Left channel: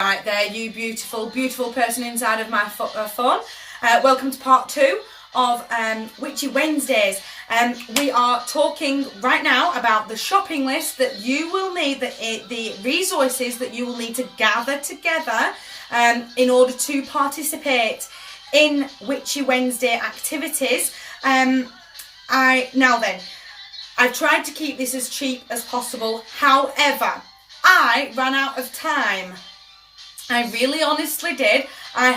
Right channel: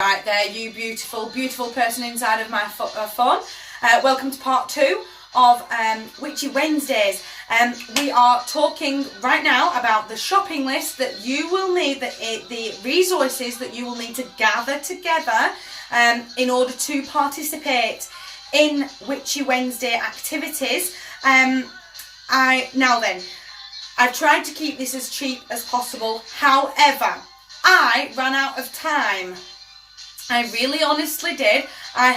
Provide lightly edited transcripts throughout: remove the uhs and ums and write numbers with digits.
Right there, you beautiful, beautiful person inside of my phone. Welcome to part 2 of Witchy Wednesdays. We are talking right now about the shopping list that you will need, the resources that you will need to gather together in order to participate in Witchy Wednesday activities. I've tried to keep this as cheap as possible. However, I ran out of time. I really honestly did. I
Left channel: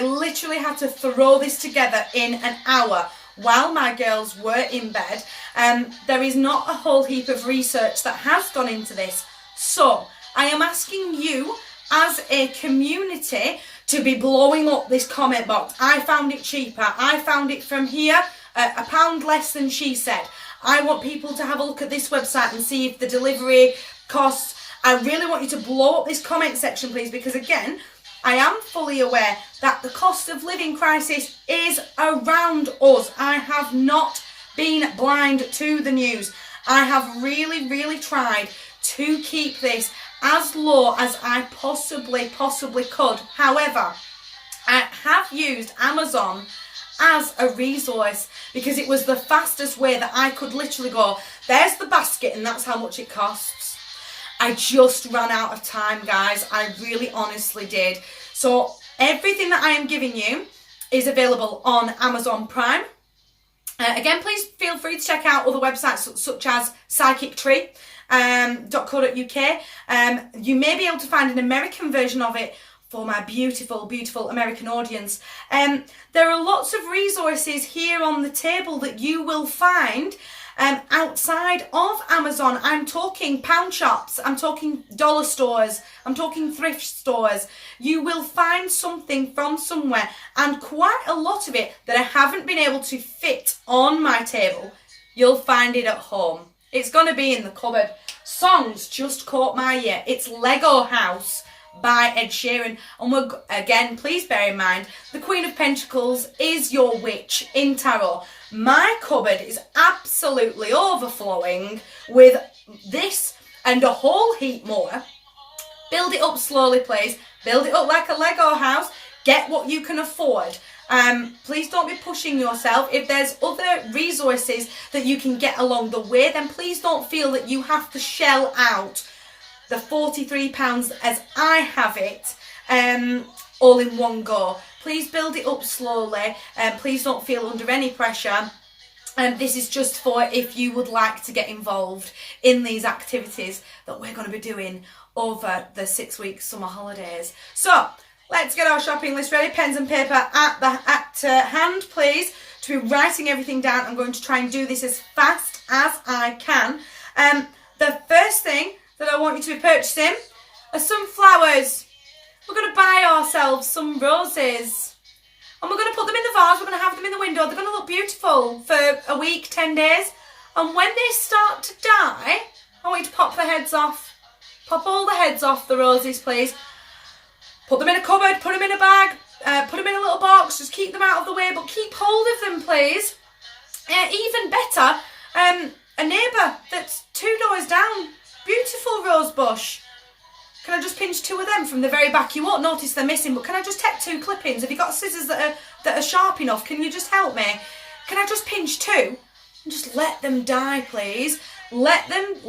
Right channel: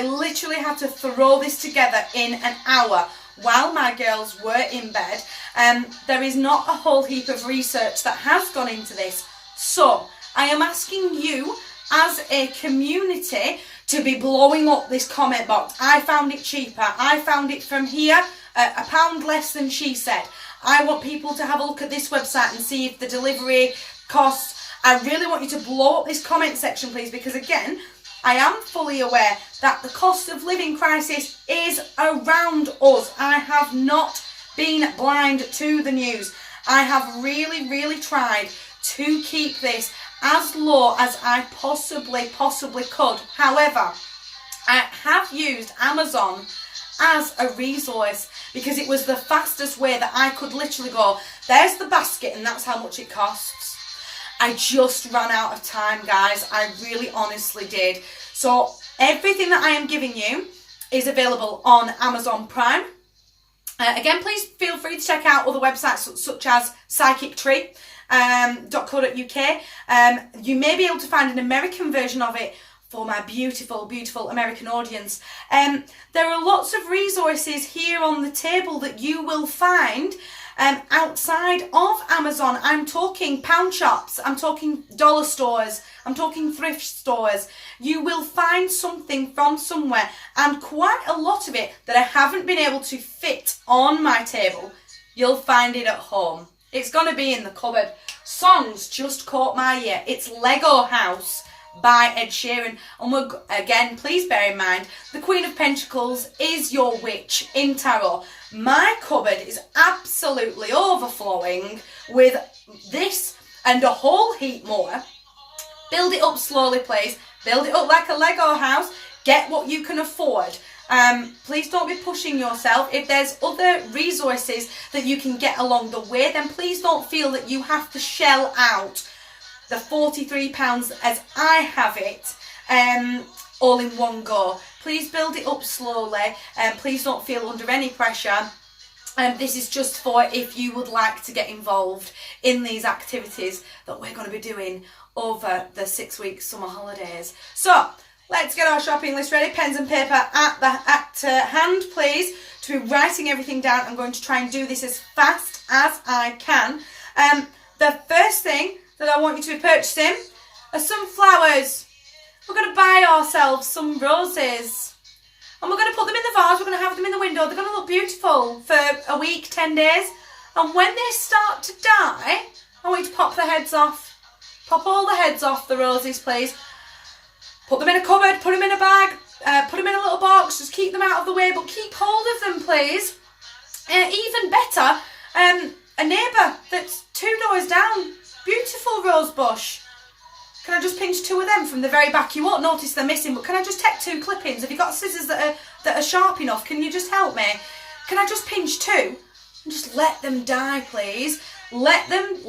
literally had to throw this together in an hour while my girls were in bed. There is not a whole heap of research that has gone into this. So I am asking you as a community to be blowing up this comment box. I found it cheaper. I found it from here, £1 less than she said. I want people to have a look at this website and see if the delivery costs. I really want you to blow up this comment section, please, because again, I am fully aware that the cost of living crisis is around us. I have not been blind to the news. I have really, really tried to keep this as low as I possibly could. However, I have used Amazon as a resource because it was the fastest way that I could literally go, there's the basket and that's how much it costs. I just ran out of time, guys. I really honestly did. So everything that I am giving you is available on Amazon Prime. Again, please feel free to check out other websites such as psychictree.co.uk. You may be able to find an American version of it for my beautiful, beautiful American audience. There are lots of resources here on the table that you will find outside of Amazon. I'm talking pound shops, I'm talking dollar stores, I'm talking thrift stores. You will find something from somewhere, and quite a lot of it that I haven't been able to fit on my table, you'll find it at home. It's going to be in the cupboard. Songs just caught my ear. It's Lego House by Ed Sheeran, and again, please bear in mind, the Queen of Pentacles is your witch in tarot. My cupboard is absolutely overflowing with this and a whole heap more. Build it up slowly, please. Build it up like a Lego house. Get what you can afford. Please don't be pushing yourself. If there's other resources that you can get along the way, then please don't feel that you have to shell out the £43 as I have it, all in one go. Please build it up slowly, and please don't feel under any pressure. This is just for if you would like to get involved in these activities that we're going to be doing over the 6-week summer holidays. So let's get our shopping list ready. Pens and paper at hand, please, to be writing everything down. I'm going to try and do this as fast as I can. The first thing that I want you to be purchasing are some flowers. We're going to buy ourselves some roses and we're going to put them in the vase. We're going to have them in the window. They're going to look beautiful for a week, 10 days. And when they start to die, I want you to pop the heads off. Pop all the heads off the roses, please. Put them in a cupboard, put them in a bag, put them in a little box. Just keep them out of the way, but keep hold of them, please. Even better, a neighbour that's 2 doors down. Beautiful rose bush. Can I just pinch 2 of them from the very back? You won't notice they're missing, but can I just take 2 clippings? Have you got scissors that are sharp enough? Can you just help me? Can I just pinch 2 and just let them die, please? Let them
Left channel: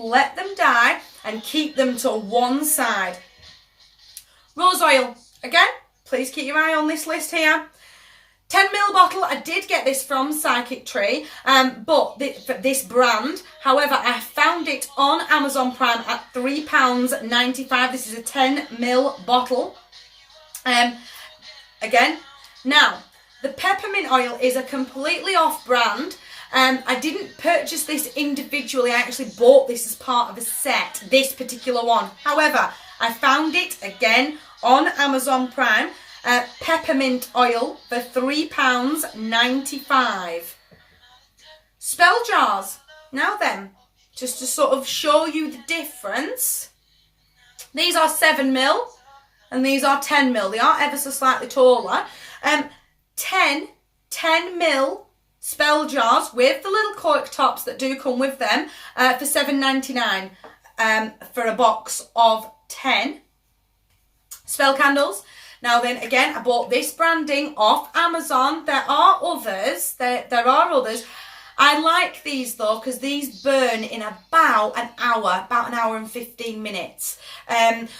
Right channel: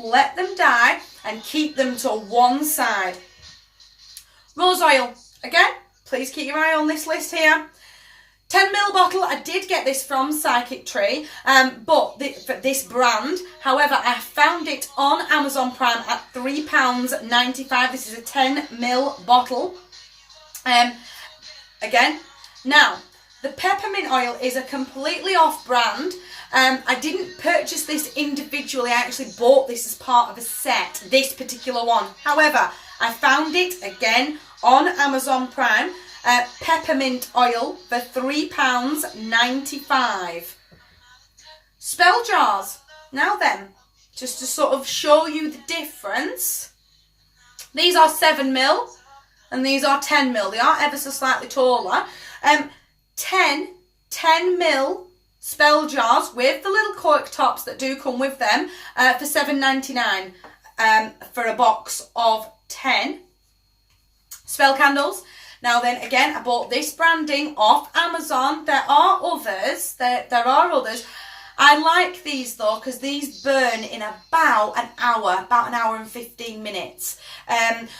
die and keep them to one side. Rose oil. Again, please keep your eye on this list here. 10ml bottle. I did get this from Psychic Tree, but for this brand. However, I found it on Amazon Prime at £3.95. This is a 10ml bottle. Again, now the peppermint oil is a completely off brand. I didn't purchase this individually. I actually bought this as part of a set, this particular one. However, I found it again on Amazon Prime. Peppermint oil for £3.95. Spell jars. Now then, just to sort of show you the difference. These are 7ml and these are 10ml. They are ever so slightly taller. 10ml spell jars with the little cork tops that do come with them for £7.99 for a box of 10. Spell candles. Now then, again, I bought this branding off Amazon. There are others. There are others. I like these though because these burn in about an hour and 15 minutes.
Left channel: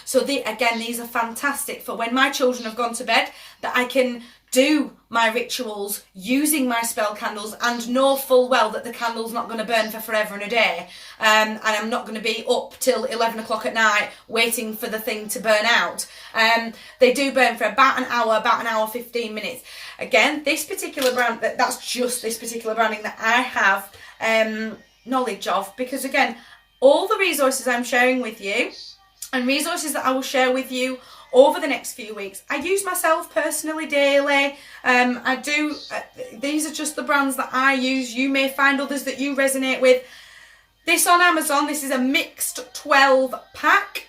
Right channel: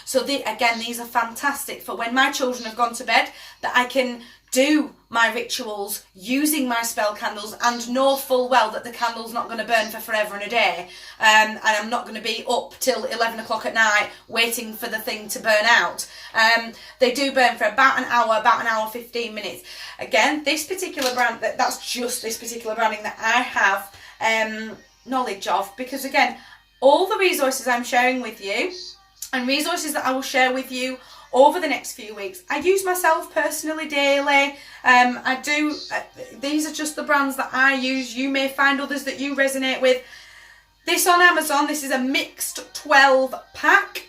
So again, these are fantastic for when my children have gone to bed, that I can do my rituals using my spell candles and know full well that the candle's not going to burn for forever and a day, and I'm not going to be up till 11 o'clock at night waiting for the thing to burn out. They do burn for about an hour 15 minutes. Again, this particular brand, that's just this particular branding that I have knowledge of, because again, all the resources I'm sharing with you and resources that I will share with you over the next few weeks, I use myself personally daily. These are just the brands that I use. You may find others that you resonate with. This on Amazon, this is a mixed 12 pack.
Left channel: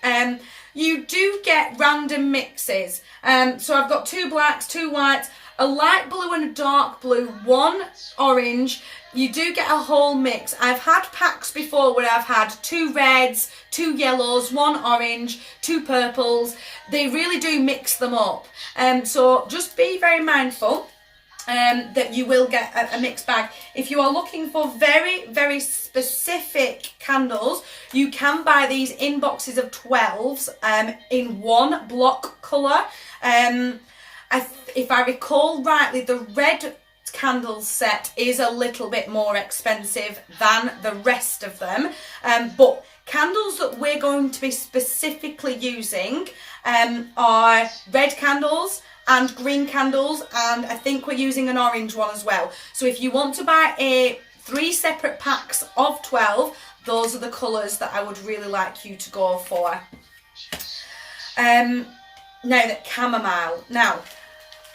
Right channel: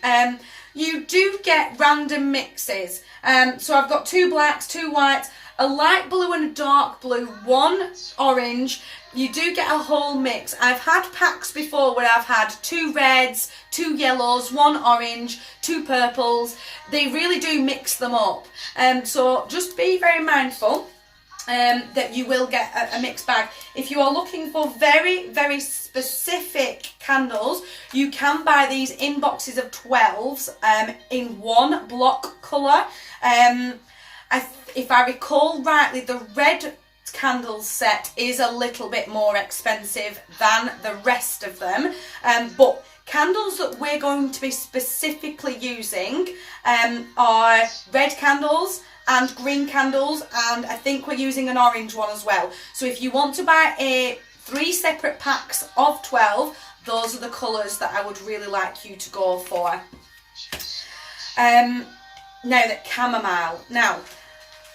You do get random mixes. So I've got 2 blacks, 2 whites, a light blue and a dark blue, 1 orange. You do get a whole mix. I've had packs before where I've had 2 reds, 2 yellows, 1 orange, 2 purples. They really do mix them up. So just be very mindful that you will get a mixed bag. If you are looking for very, very specific candles, you can buy these in boxes of 12s in 1 block colour. If I recall rightly, the red candle set is a little bit more expensive than the rest of them, but candles that we're going to be specifically using are red candles and green candles, and I think we're using an orange one as well. So if you want to buy 3 separate packs of 12, those are the colours that I would really like you to go for. Now the chamomile. Now,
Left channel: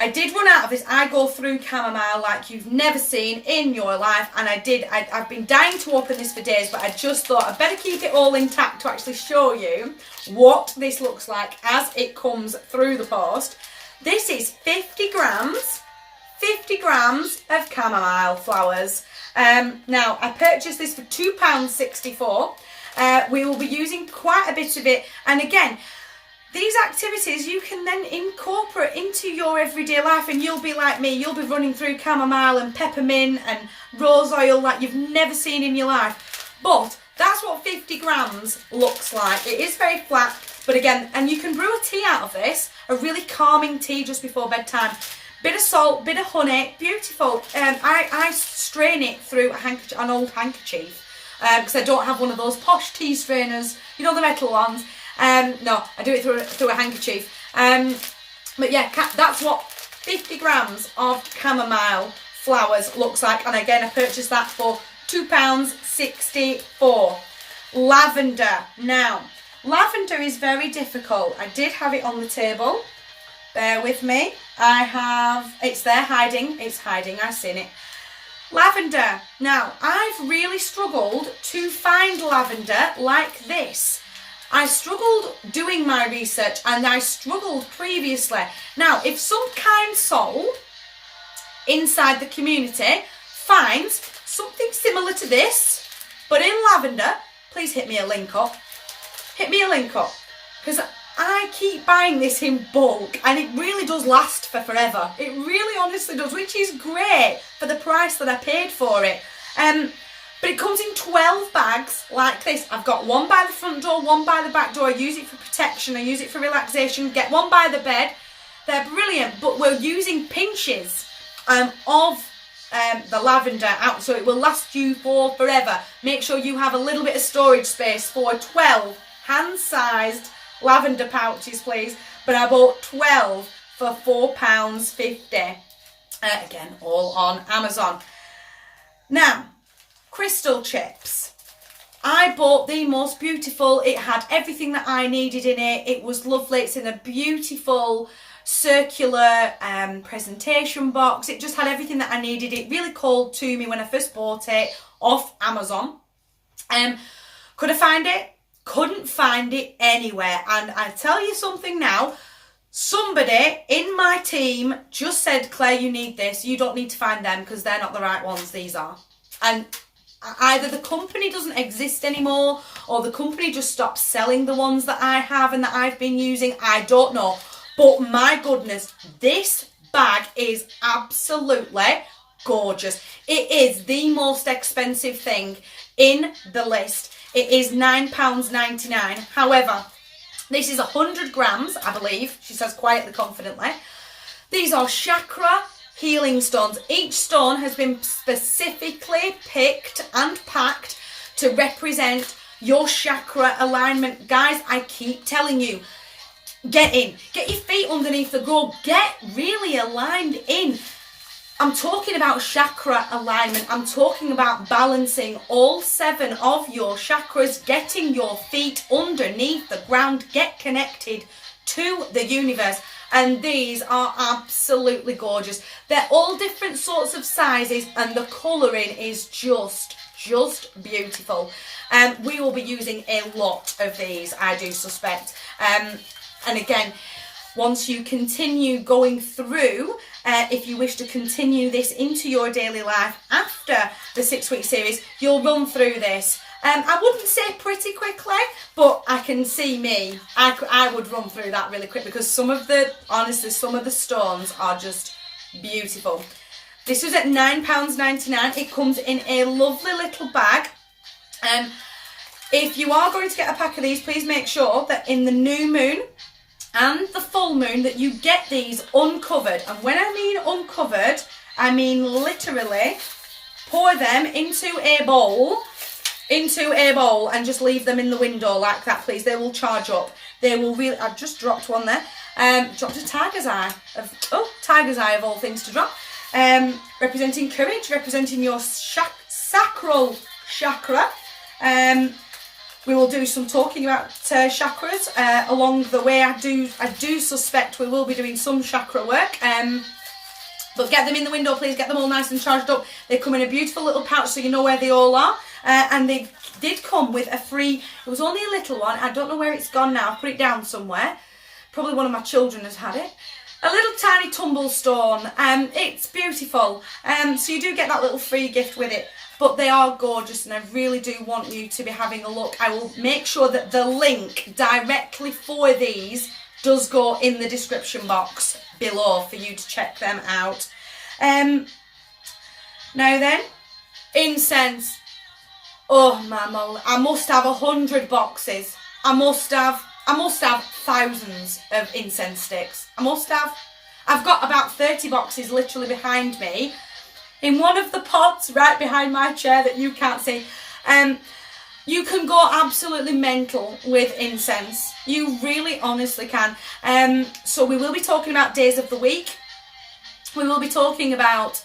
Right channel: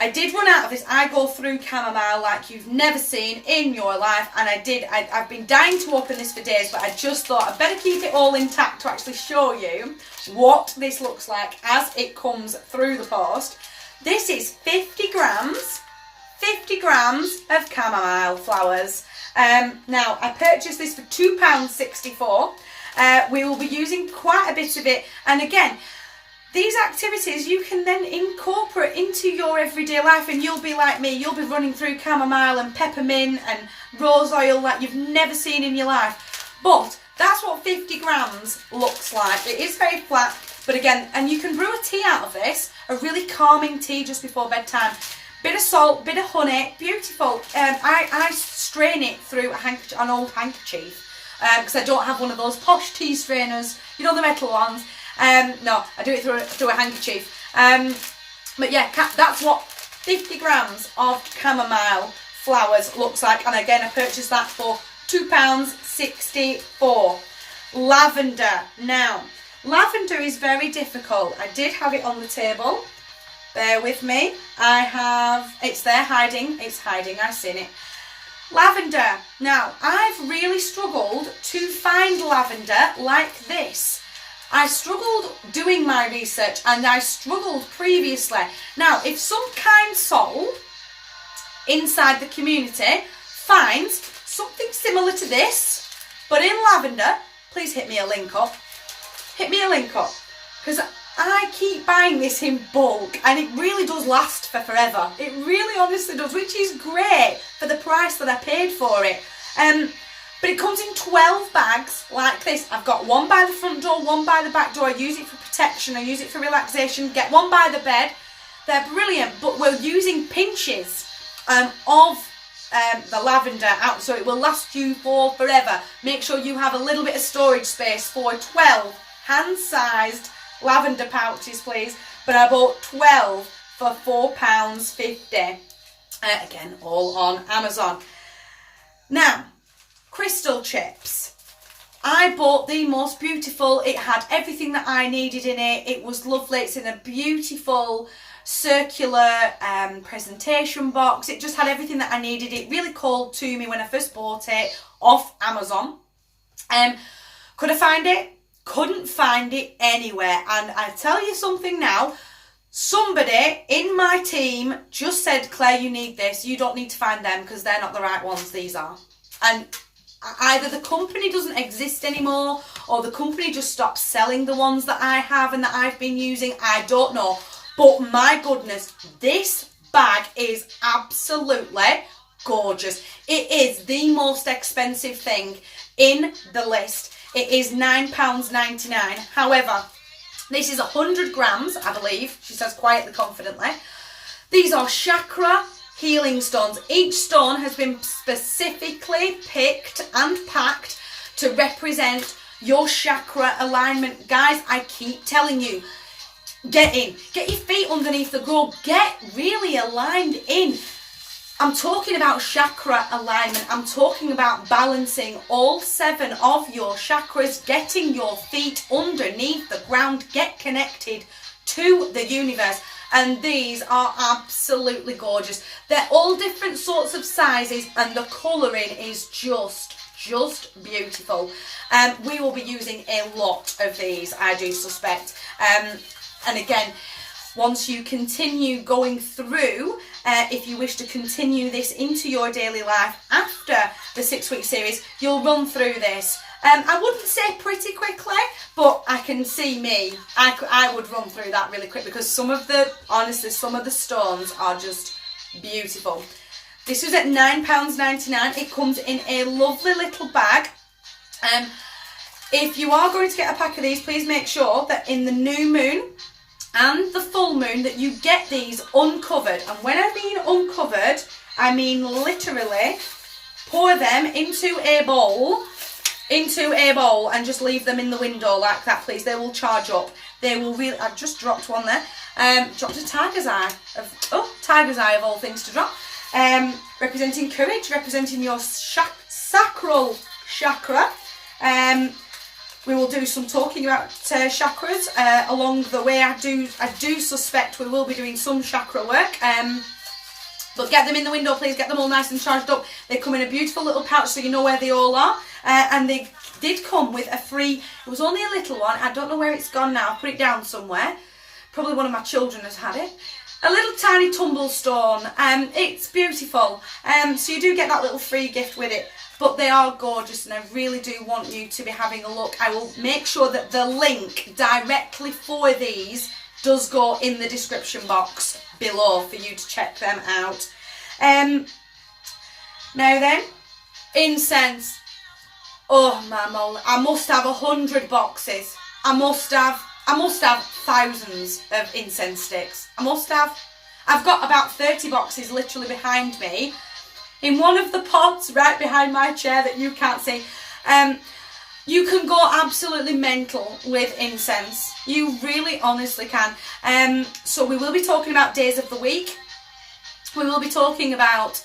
I did run out of this. I go through chamomile like you've never seen in your life, and I've been dying to open this for days, but I just thought I'd better keep it all intact to actually show you what this looks like as it comes through the post. This is 50 grams of chamomile flowers. Now, I purchased this for £2.64. We will be using quite a bit of it, and again, these activities you can then incorporate into your everyday life, and you'll be like me, you'll be running through chamomile and peppermint and rose oil like you've never seen in your life. But that's what 50 grams looks like. It is very flat, but again, and you can brew a tea out of this, a really calming tea just before bedtime. Bit of salt, bit of honey, beautiful. I strain it through an old handkerchief because I don't have one of those posh tea strainers, you know, the metal ones. No, I do it through a handkerchief. But yeah, that's what 50 grams of chamomile flowers looks like. And again, I purchased that for £2.64. Lavender. Now, lavender is very difficult. I did have it on the table. Bear with me. It's there hiding. It's hiding. I've seen it. Lavender. Now, I've really struggled to find lavender like this. I struggled doing my research, and I struggled previously. Now, if some kind soul inside the community finds something similar to this, but in lavender, please hit me a link up. Hit me a link up, because I keep buying this in bulk, and it really does last for forever. It really honestly does, which is great for the price that I paid for it. But it comes in 12 bags like this. I've got one by the front door, one by the back door. I use it for protection, I use it for relaxation. Get one by the bed. They're brilliant, but we're using pinches of the lavender out, so it will last you for forever. Make sure you have a little bit of storage space for 12 hand-sized lavender pouches, please. But I bought 12 for £4.50. Again, all on Amazon. Now, crystal chips. I bought the most beautiful. It had everything that I needed in it. It was lovely. It's in a beautiful circular presentation box. It just had everything that I needed. It really called to me when I first bought it off Amazon. Could I find it? Couldn't find it anywhere. And I tell you something now, somebody in my team just said, Claire, you need this. You don't need to find them because they're not the right ones. These are. And either the company doesn't exist anymore, or the company just stopped selling the ones that I have and that I've been using. I don't know. But my goodness, this bag is absolutely gorgeous. It is the most expensive thing in the list. It is £9.99. However, this is 100 grams, I believe, she says quietly, confidently. These are chakra healing stones. Each stone has been specifically picked and packed to represent your chakra alignment. Guys, I keep telling you, get in. Get your feet underneath the grove. Get really aligned in. I'm talking about chakra alignment. I'm talking about balancing all 7 of your chakras, getting your feet underneath the ground, get connected to the universe. And these are absolutely gorgeous. They're all different sorts of sizes and the colouring is just beautiful. We will be using a lot of these, I do suspect. And again, once you continue going through, if you wish to continue this into your daily life after the 6-week series, you'll run through this. I wouldn't say pretty quickly, but I can see me. I would run through that really quick because honestly, some of the stones are just beautiful. This was at £9.99. It comes in a lovely little bag. If you are going to get a pack of these, please make sure that in the new moon and the full moon that you get these uncovered. And when I mean uncovered, I mean literally pour them into a bowl and just leave them in the window like that, please. They will charge up. They will really, I've just dropped one there. Dropped a tiger's eye. Tiger's eye of all things to drop. Representing courage, representing your sacral chakra. We will do some talking about chakras along the way. I do suspect we will be doing some chakra work. But get them in the window, please. Get them all nice and charged up. They come in a beautiful little pouch so you know where they all are. And they did come with a free, it was only a little one. I don't know where it's gone now. I've put it down somewhere. Probably one of my children has had it. A little tiny tumble stone. It's beautiful. So you do get that little free gift with it. But they are gorgeous and I really do want you to be having a look. I will make sure that the link directly for these does go in the description box below for you to check them out. Now then, incense. Oh my moly, I must have 100 boxes. I must have thousands of incense sticks. I must have. I've got about 30 boxes literally behind me. In one of the pots right behind my chair that you can't see. You can go absolutely mental with incense. You really honestly can. So we will be talking about days of the week. We will be talking about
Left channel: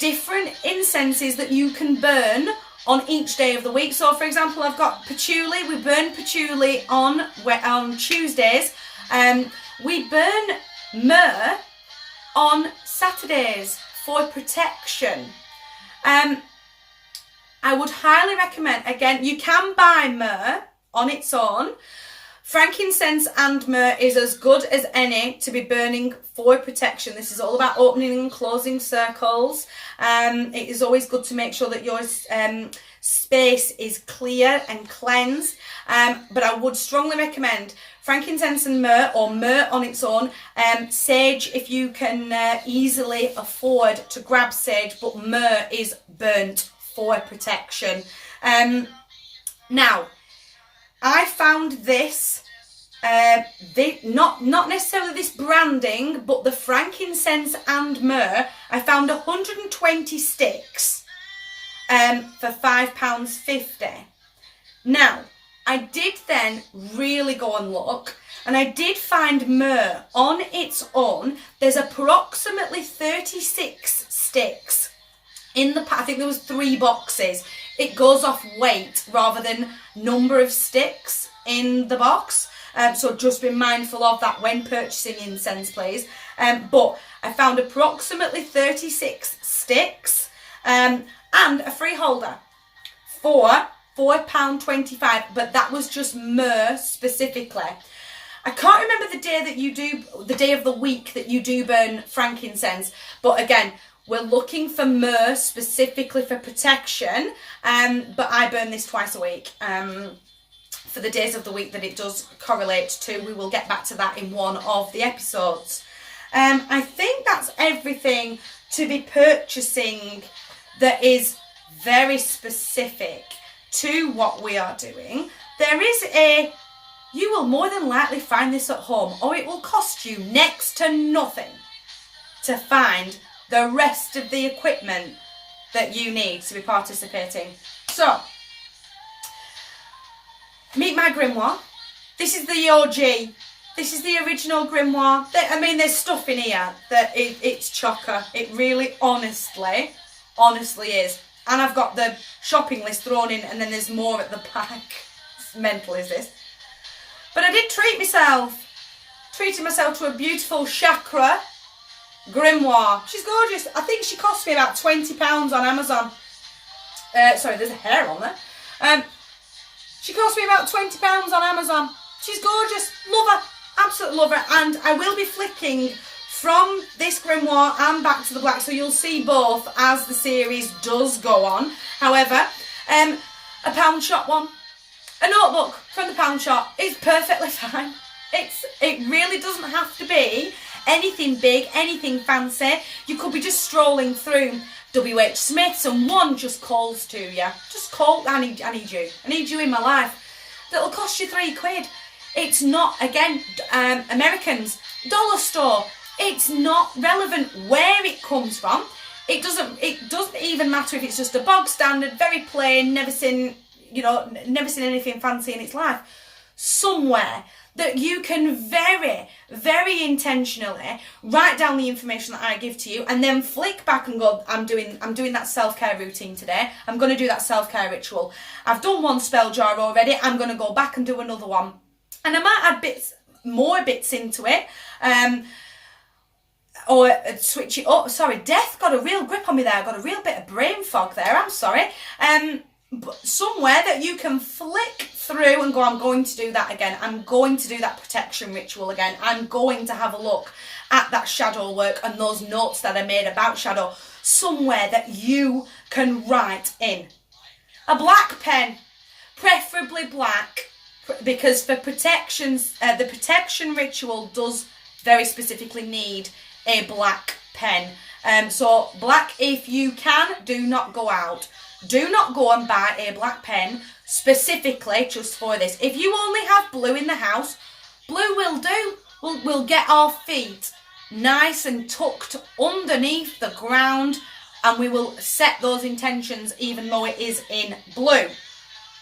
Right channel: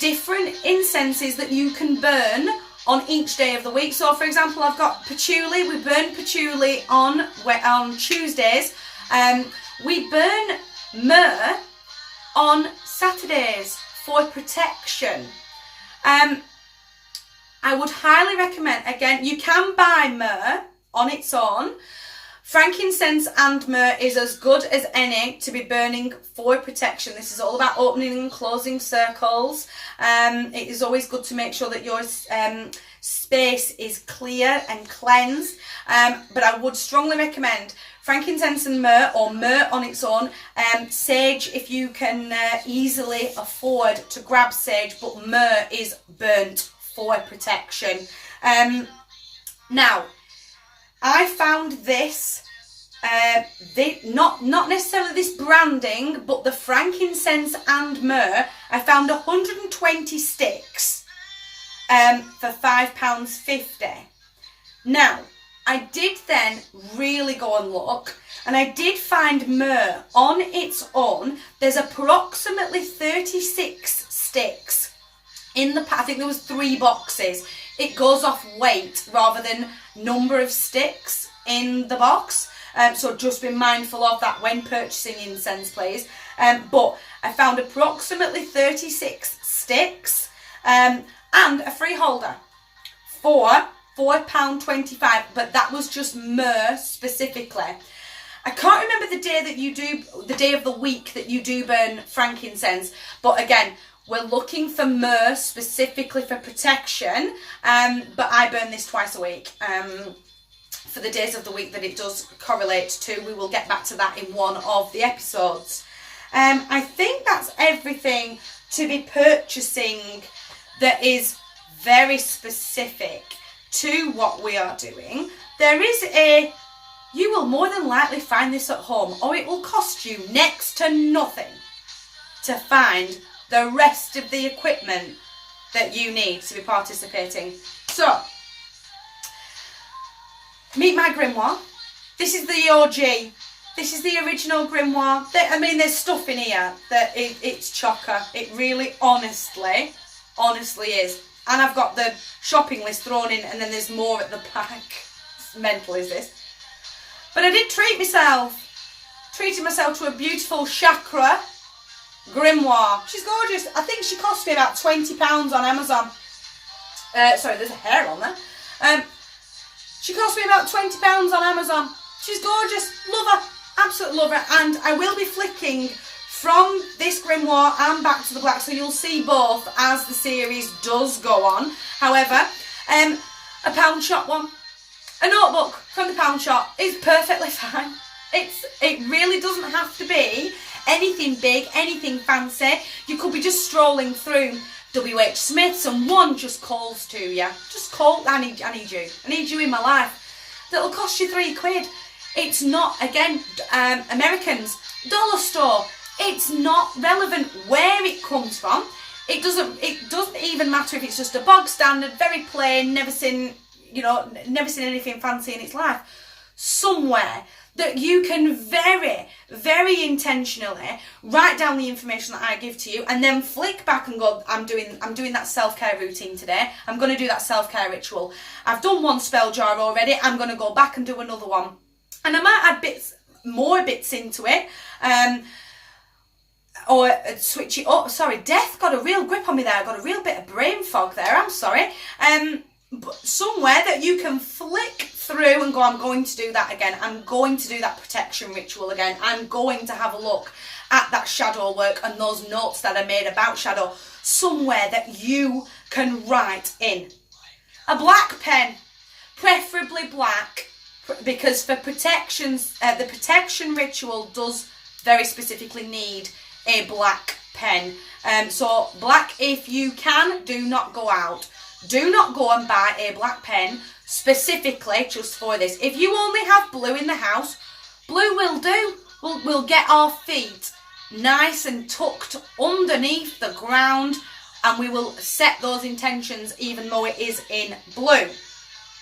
different incenses that you can burn on each day of the week. So for example, I've got patchouli. We burn patchouli on Tuesdays. We burn myrrh on Saturdays for protection. I would highly recommend, again, you can buy myrrh on its own. Frankincense and myrrh is as good as any to be burning for protection. This is all about opening and closing circles. It is always good to make sure that your space is clear and cleansed. But I would strongly recommend frankincense and myrrh, or myrrh on its own. Sage, if you can easily afford to grab sage, but myrrh is burnt for protection. Now, I found this, not necessarily this branding, but the frankincense and myrrh. I found 120 sticks for £5.50. Now, I did then really go and look, and I did find myrrh on its own. There's approximately 36 sticks in the pack. I think there was 3 boxes. It goes off weight rather than number of sticks in the box. So just be mindful of that when purchasing incense, please. But I found approximately 36 sticks and a free holder for £4.25, but that was just myrrh specifically. I can't remember the day of the week that you do burn frankincense, but again, we're looking for myrrh specifically for protection, but I burn this twice a week. for the days of the week that it does correlate to. We will get back to that in one of the episodes. I think that's everything to be purchasing that is very specific to what we are doing. There is you will more than likely find this at home, or it will cost you next to nothing to find the rest of the equipment that you need to be participating. So, meet my grimoire. This is the OG. This is the original grimoire. I mean, there's stuff in here that it's chocker. It really, honestly is. And I've got the shopping list thrown in, and then there's more at the back. It's mental, is this? But I did treat myself. Treated myself to a beautiful chakra grimoire. She's gorgeous. I think she cost me about £20 on Amazon. Sorry, there's a hair on there. She cost me about £20 on Amazon. She's gorgeous. Love her. Absolutely love her. And I will be flicking from this grimoire and back to the black, so you'll see both as the series does go on. However, a pound shop one. A notebook from the pound shop is perfectly fine. It really doesn't have to be anything big, anything fancy. You could be just strolling through WH Smith's and one just calls to you. Just call, I need you. I need you in my life. That'll cost you £3. It's not, again, Americans, dollar store. It's not relevant where it comes from. It doesn't even matter if it's just a bog standard, very plain, never seen anything fancy in its life. Somewhere that you can very, very intentionally write down the information that I give to you, and then flick back and go, I'm doing that self-care routine today. I'm going to do that self-care ritual. I've done one spell jar already. I'm going to go back and do another one. And I might add more bits into it. Or switch it up. Sorry, death got a real grip on me there. I got a real bit of brain fog there. I'm sorry. But somewhere that you can flick through and go, I'm going to do that again. I'm going to do that protection ritual again. I'm going to have a look at that shadow work and those notes that I made about shadow. Somewhere that you can write in. A black pen, preferably black, because for protections, the protection ritual does very specifically need a black pen. So black if you can. Do not go out. Do not go and buy a black pen specifically just for this. If you only have blue in the house, blue will do. We'll get our feet nice and tucked underneath the ground, and we will set those intentions even though it is in blue.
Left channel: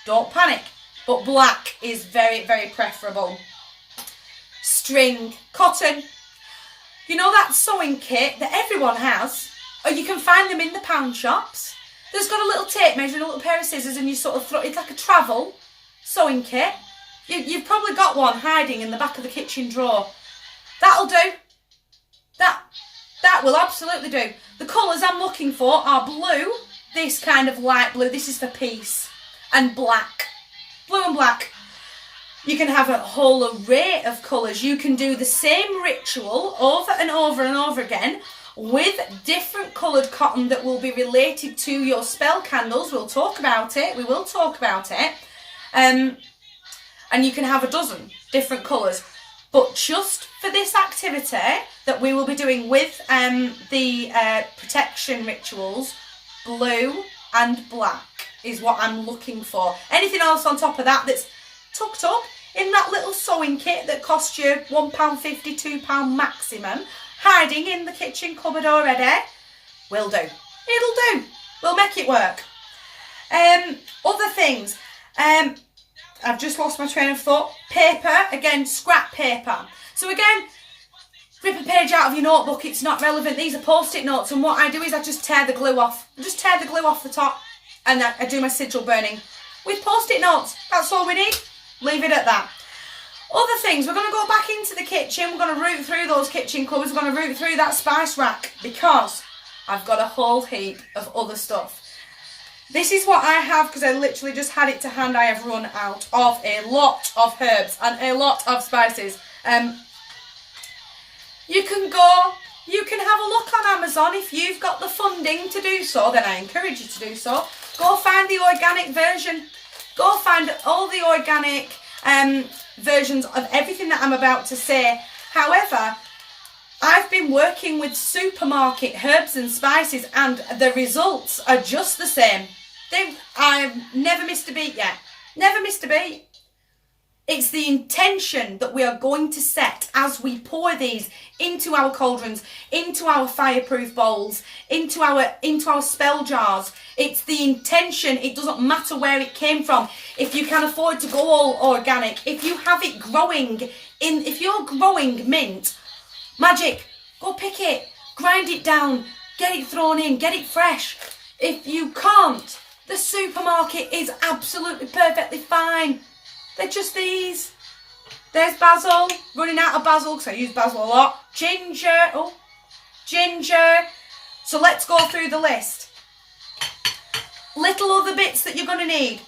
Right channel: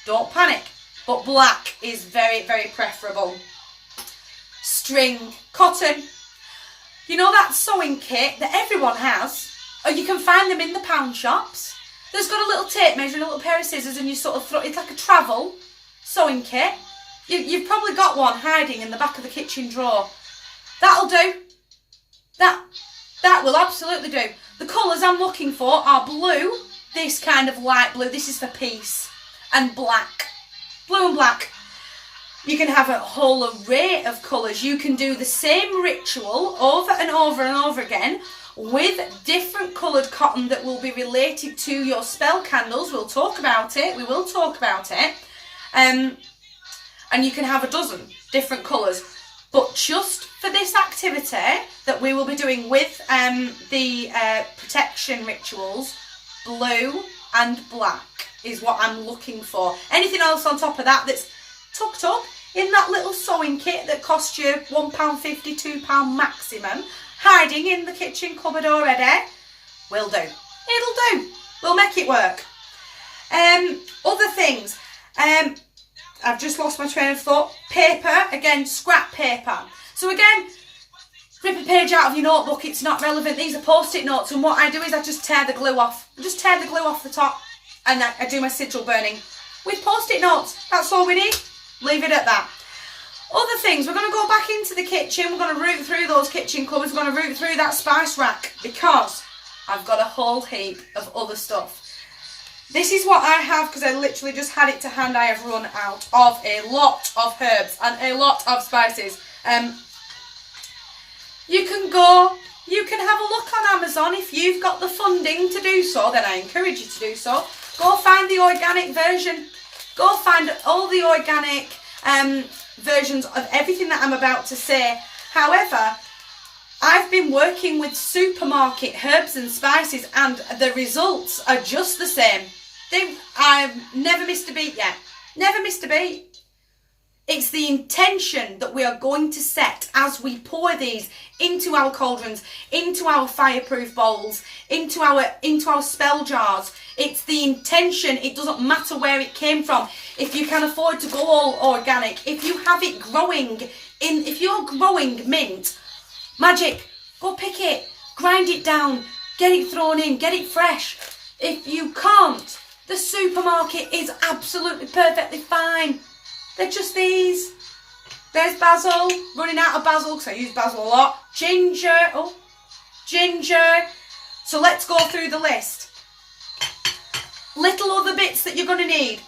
Don't panic, but black is very, very preferable. String, cotton. You know that sewing kit that everyone has? Or you can find them in the pound shops. There's got a little tape measure and a little pair of scissors, and you sort of throw, it's like a travel sewing kit. You've probably got one hiding in the back of the kitchen drawer. That'll do. That will absolutely do. The colours I'm looking for are blue, this kind of light blue, this is for peace, and black. Blue and black. You can have a whole array of colours. You can do the same ritual over and over and over again with different coloured cotton that will be related to your spell candles. We'll talk about it. We will talk about it. And you can have a dozen different colours. But just for this activity that we will be doing with the protection rituals, blue and black is what I'm looking for. Anything else on top of that that's tucked up in that little sewing kit that costs you £1.50, £2 maximum, hiding in the kitchen cupboard already, will do. It'll do. We'll make it work. Other things. I've just lost my train of thought. Paper, again, scrap paper. So again, rip a page out of your notebook, it's not relevant. These are post-it notes, and what I do is I just tear the glue off. I just tear the glue off the top, and I do my sigil burning with post-it notes. That's all we need. Leave it at that. Other things, we're going to go back into the kitchen. We're going to root through those kitchen cupboards. We're going to root through that spice rack, because I've got a whole heap of other stuff. This is what I have, because I literally just had it to hand. I have run out of a lot of herbs and a lot of spices. You can have a look on Amazon if you've got the funding to do so, then I encourage you to do so. Go find the organic version. Go find all the organic versions of everything that I'm about to say. However, I've been working with supermarket herbs and spices and the results are just the same. I've never missed a beat yet. Never missed a beat. It's the intention that we are going to set as we pour these into our cauldrons, into our fireproof bowls, into our spell jars. It's the intention. It doesn't matter where it came from. If you can afford to go all organic, if you have it growing if you're growing mint, magic, go pick it, grind it down, get it thrown in, get it fresh. If you can't, the supermarket is absolutely perfectly fine. They're just these. There's basil, running out of basil because I use basil a lot. Ginger, ginger. So let's go through the list. Little other bits that you're going to need.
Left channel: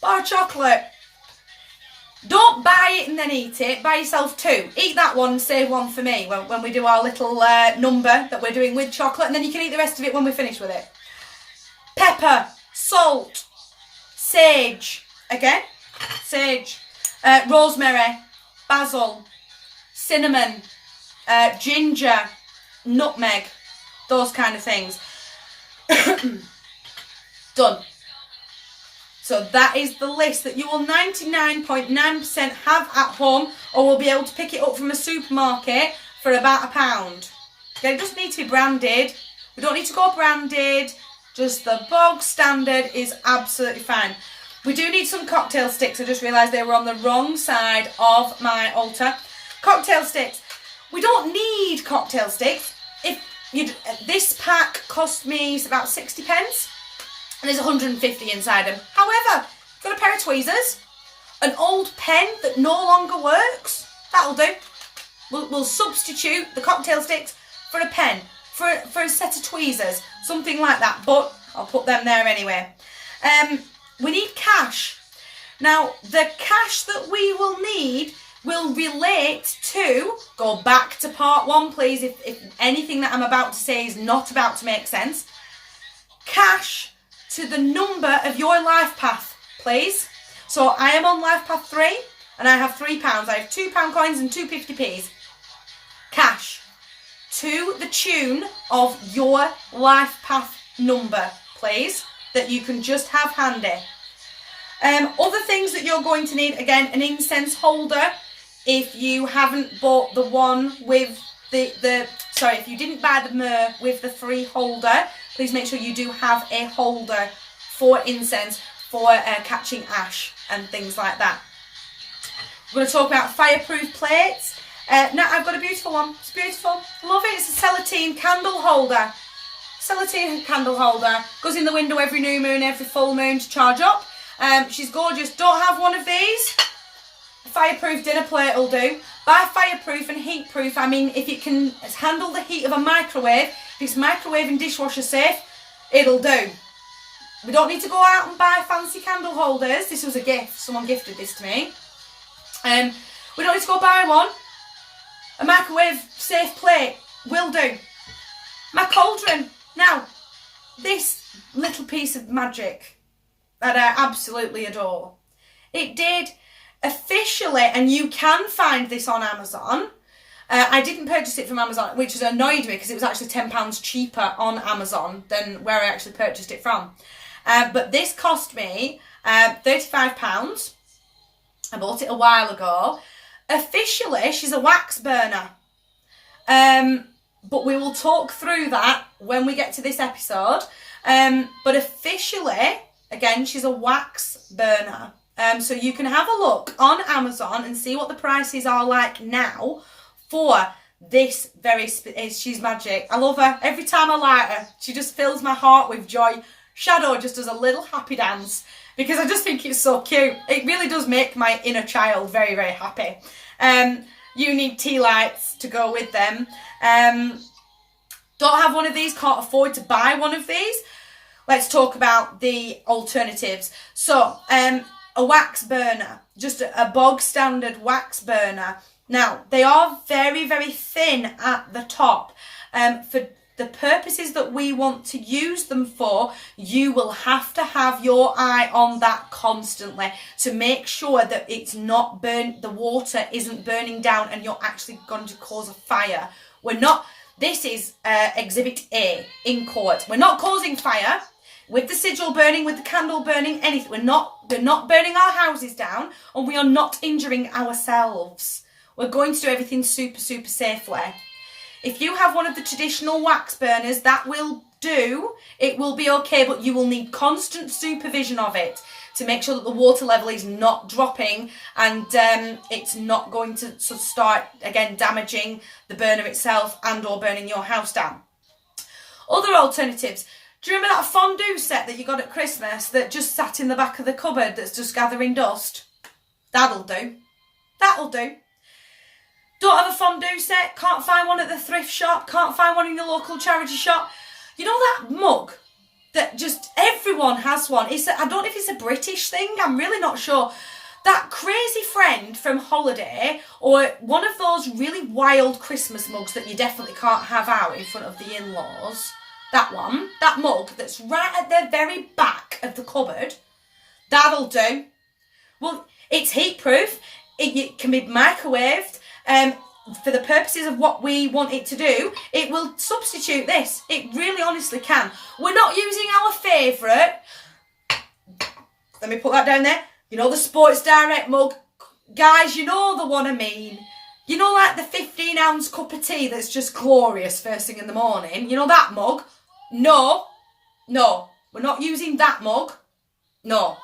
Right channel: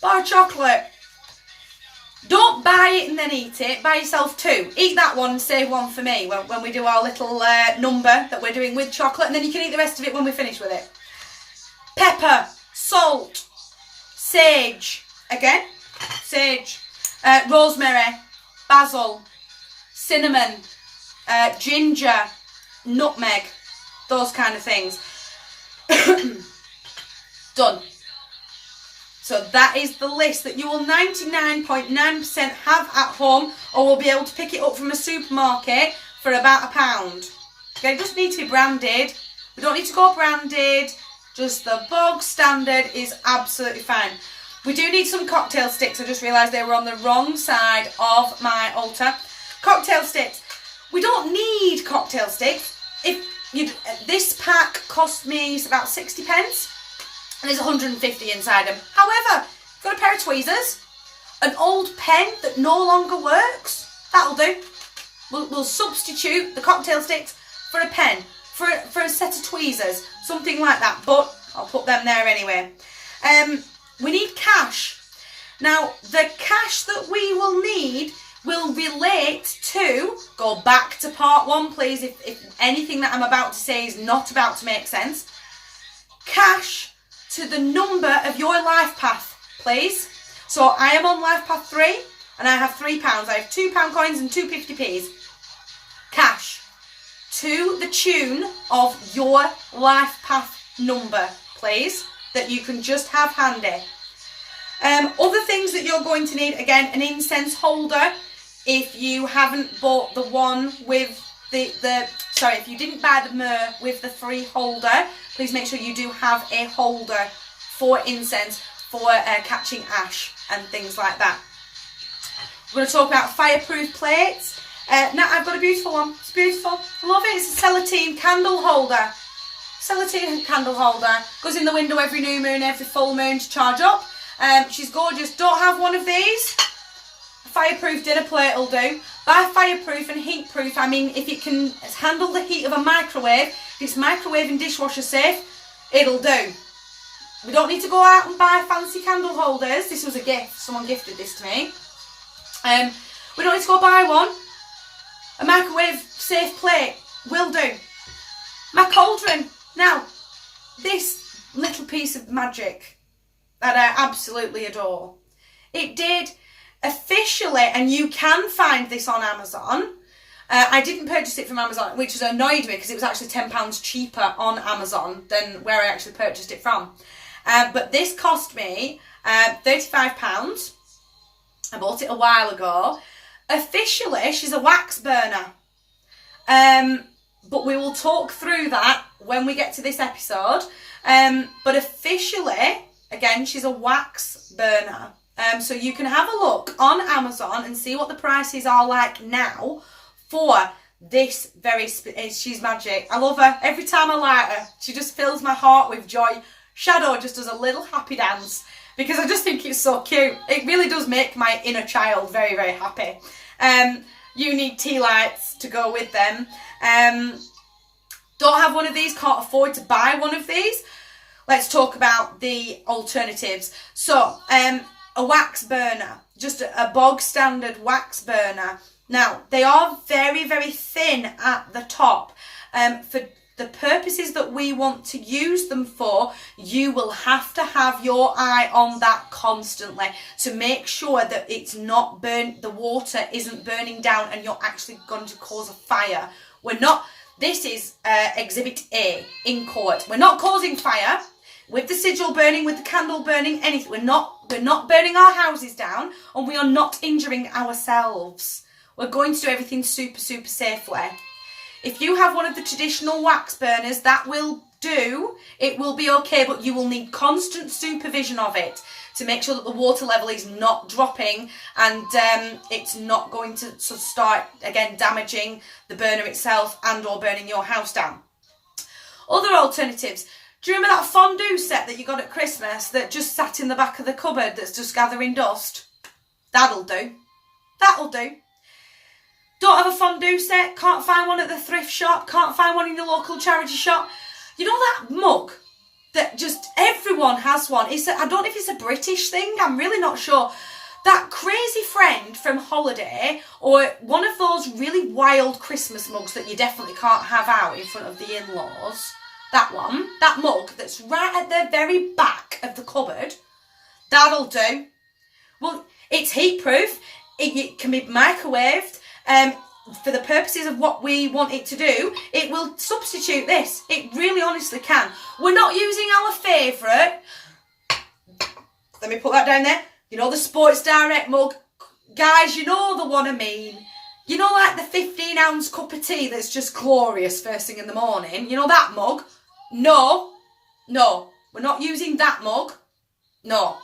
Bar of chocolate. Don't buy it and then eat it. Buy yourself 2. Eat that one and save one for me when we do our little number that we're doing with chocolate. And then you can eat the rest of it when we finish with it. Pepper, salt, sage. Again, sage. Rosemary, basil, cinnamon, ginger, nutmeg. Those kind of things. Done. So that is the list that you will 99.9% have at home, or will be able to pick it up from a supermarket for about £1. Okay, it doesn't need to be branded. We don't need to go branded. Just the bog standard is absolutely fine. We do need some cocktail sticks. I just realised they were on the wrong side of my altar. Cocktail sticks. We don't need cocktail sticks. This pack cost me about 60 pence. And there's 150 inside them. However, I've got a pair of tweezers, an old pen that no longer works. That'll do. We'll substitute the cocktail sticks for a pen, for a set of tweezers, something like that. But I'll put them there anyway. We need cash. Now, the cash that we will need will relate to, go back to part 1, please, if anything that I'm about to say is not about to make sense. Cash to the number of your life path, please. So I am on life path 3 and I have £3. I have £2 coins and 2 50p's. Cash to the tune of your life path number, please, that you can just have handy. Other things that you're going to need, again, an incense holder. If you haven't bought the one with if you didn't buy the myrrh with the free holder, please make sure you do have a holder for incense, for catching ash and things like that. We're going to talk about fireproof plates. Now I've got a beautiful one. It's beautiful. Love it. It's a Celatine candle holder. Celatine candle holder. Goes in the window every new moon, every full moon to charge up. She's gorgeous. Don't have one of these. A fireproof dinner plate will do. By fireproof and heat proof, I mean if it can handle the heat of a microwave, if it's microwave and dishwasher safe, it'll do. We don't need to go out and buy fancy candle holders. This was a gift. Someone gifted this to me. We don't need to go buy one. A microwave safe plate will do. My cauldron. Now, this little piece of magic that I absolutely adore. It did officially, and you can find this on Amazon. I didn't purchase it from Amazon, which has annoyed me because it was actually £10 cheaper on Amazon than where I actually purchased it from. But this cost me £35. I bought it a while ago. Officially, she's a wax burner. But we will talk through that when we get to this episode. But officially, again, she's a wax burner. So you can have a look on Amazon and see what the prices are like now for this she's magic. I love her. Every time I light her, she just fills my heart with joy. Shadow just does a little happy dance because I just think it's so cute. It really does make my inner child very, very happy. You need tea lights to go with them. Don't have one of these, can't afford to buy one of these. Let's talk about the alternatives. So, a wax burner, just a bog standard wax burner. Now, they are very, very thin at the top. For the purposes that we want to use them for, you will have to have your eye on that constantly to make sure that it's not burnt, the water isn't burning down and you're actually going to cause a fire. This is Exhibit A in court. We're not causing fire with the sigil burning, with the candle burning, anything. We're not burning our houses down, and we are not injuring ourselves. We're going to do everything super, super safely. If you have one of the traditional wax burners, that will do. It will be okay, but you will need constant supervision of it to make sure that the water level is not dropping and it's not going to sort of start, again, damaging the burner itself and or burning your house down. Other alternatives. Do you remember that fondue set that you got at Christmas that just sat in the back of the cupboard that's just gathering dust? That'll do. That'll do. Don't have a fondue set, can't find one at the thrift shop, can't find one in the local charity shop. You know that mug that just everyone has one? I don't know if it's a British thing, I'm really not sure. That crazy friend from holiday, or one of those really wild Christmas mugs that you definitely can't have out in front of the in-laws. That one, that mug that's right at the very back of the cupboard, that'll do. Well, it's heat proof, it can be microwaved. For the purposes of what we want it to do, it will substitute this. It really honestly can. We're not using our favourite. Let me put that down there. You know the Sports Direct mug? Guys, you know the one I mean. You know, like the 15-ounce cup of tea that's just glorious first thing in the morning? You know that mug? No. We're not using that mug. No.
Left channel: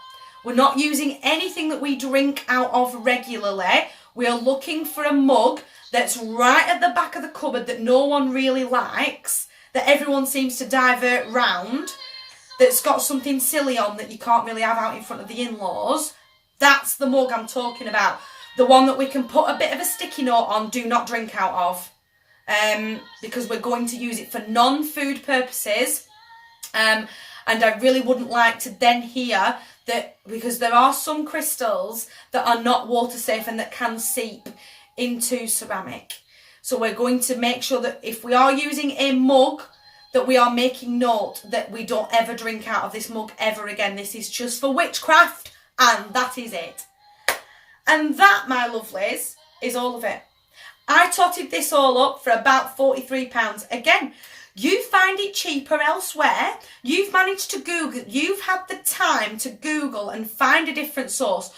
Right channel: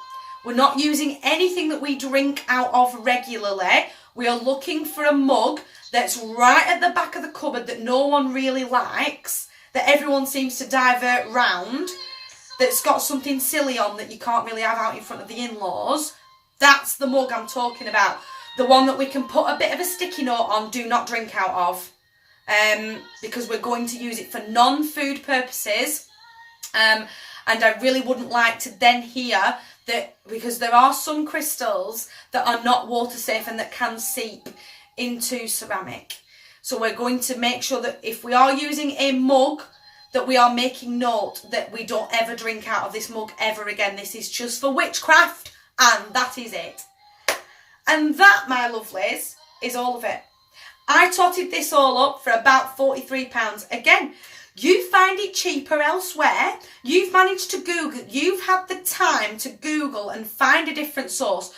We're not using anything that we drink out of regularly. We are looking for a mug that's right at the back of the cupboard that no one really likes, that everyone seems to divert round, that's got something silly on that you can't really have out in front of the in-laws. That's the mug I'm talking about. The one that we can put a bit of a sticky note on, do not drink out of. Because we're going to use it for non-food purposes. And I really wouldn't like to then hear that, because there are some crystals that are not water safe and that can seep into ceramic. So we're going to make sure that if we are using a mug, that we are making note that we don't ever drink out of this mug ever again. This is just for witchcraft, and that is it. And that, my lovelies, is all of it. I totted this all up for about £43. Again, you find it cheaper elsewhere. You've managed to Google, you've had the time to Google and find a different source.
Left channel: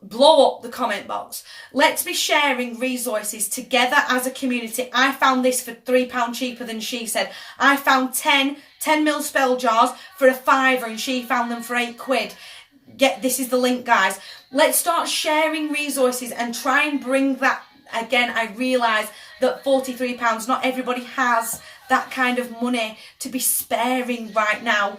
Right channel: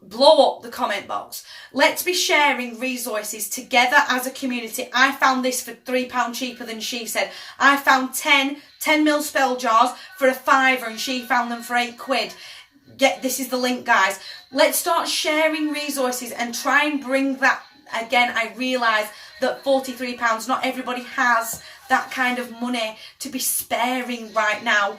Blow up the comment box. Let's be sharing resources together as a community. I found this for £3 cheaper than she said. I found 10mm spell jars for a £5 and she found them for £8. This is the link, guys. Let's start sharing resources and try and bring that. Again, I realise that £43, not everybody has that kind of money to be sparing right now.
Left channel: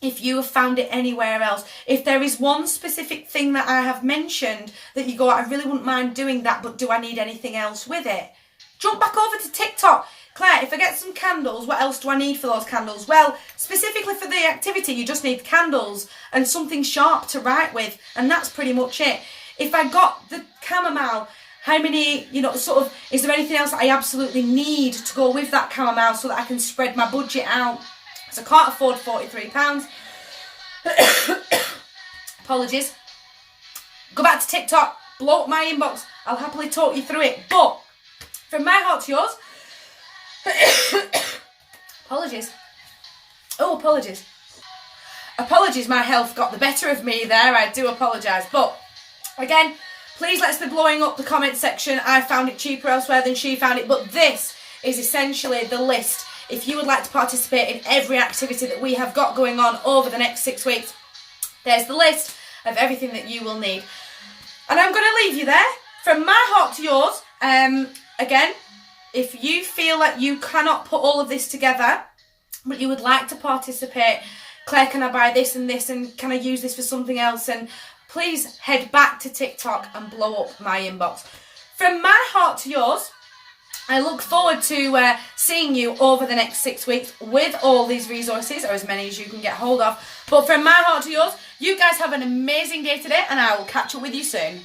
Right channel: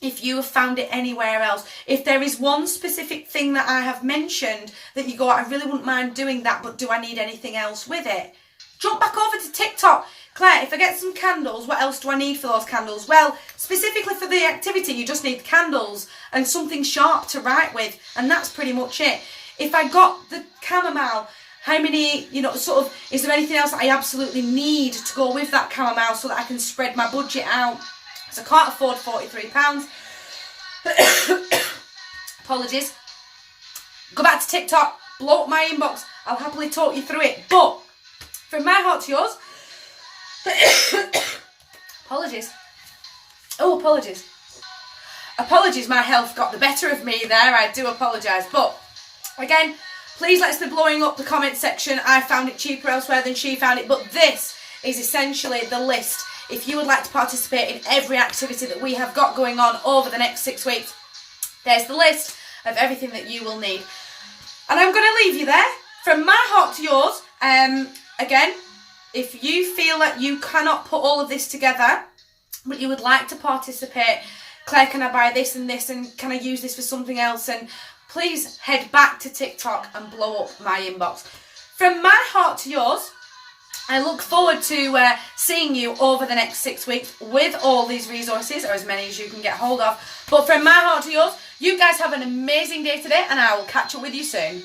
If you have found it anywhere else, if there is one specific thing that I have mentioned that you go, I really wouldn't mind doing that, but do I need anything else with it? Jump back over to TikTok. Claire, if I get some candles, what else do I need for those candles? Well, specifically for the activity, you just need candles and something sharp to write with, and that's pretty much it. If I got the chamomile, how many, sort of, is there anything else that I absolutely need to go with that chamomile so that I can spread my budget out? So I can't afford £43. Apologies. Go back to TikTok, blow up my inbox. I'll happily talk you through it. But from my heart to yours, apologies. Oh, apologies. Apologies, my health got the better of me there. I do apologise. But again, please let's be blowing up the comment section. I found it cheaper elsewhere than she found it. But this is essentially the list. If you would like to participate in every activity that we have got going on over the next 6 weeks, there's the list of everything that you will need. And I'm going to leave you there. From my heart to yours, again, if you feel that you cannot put all of this together, but you would like to participate, Claire, can I buy this and this, and can I use this for something else? And please head back to TikTok and blow up my inbox. From my heart to yours, I look forward to seeing you over the next 6 weeks with all these resources, or as many as you can get hold of. But from my heart to yours, you guys have an amazing day today, and I will catch up with you soon.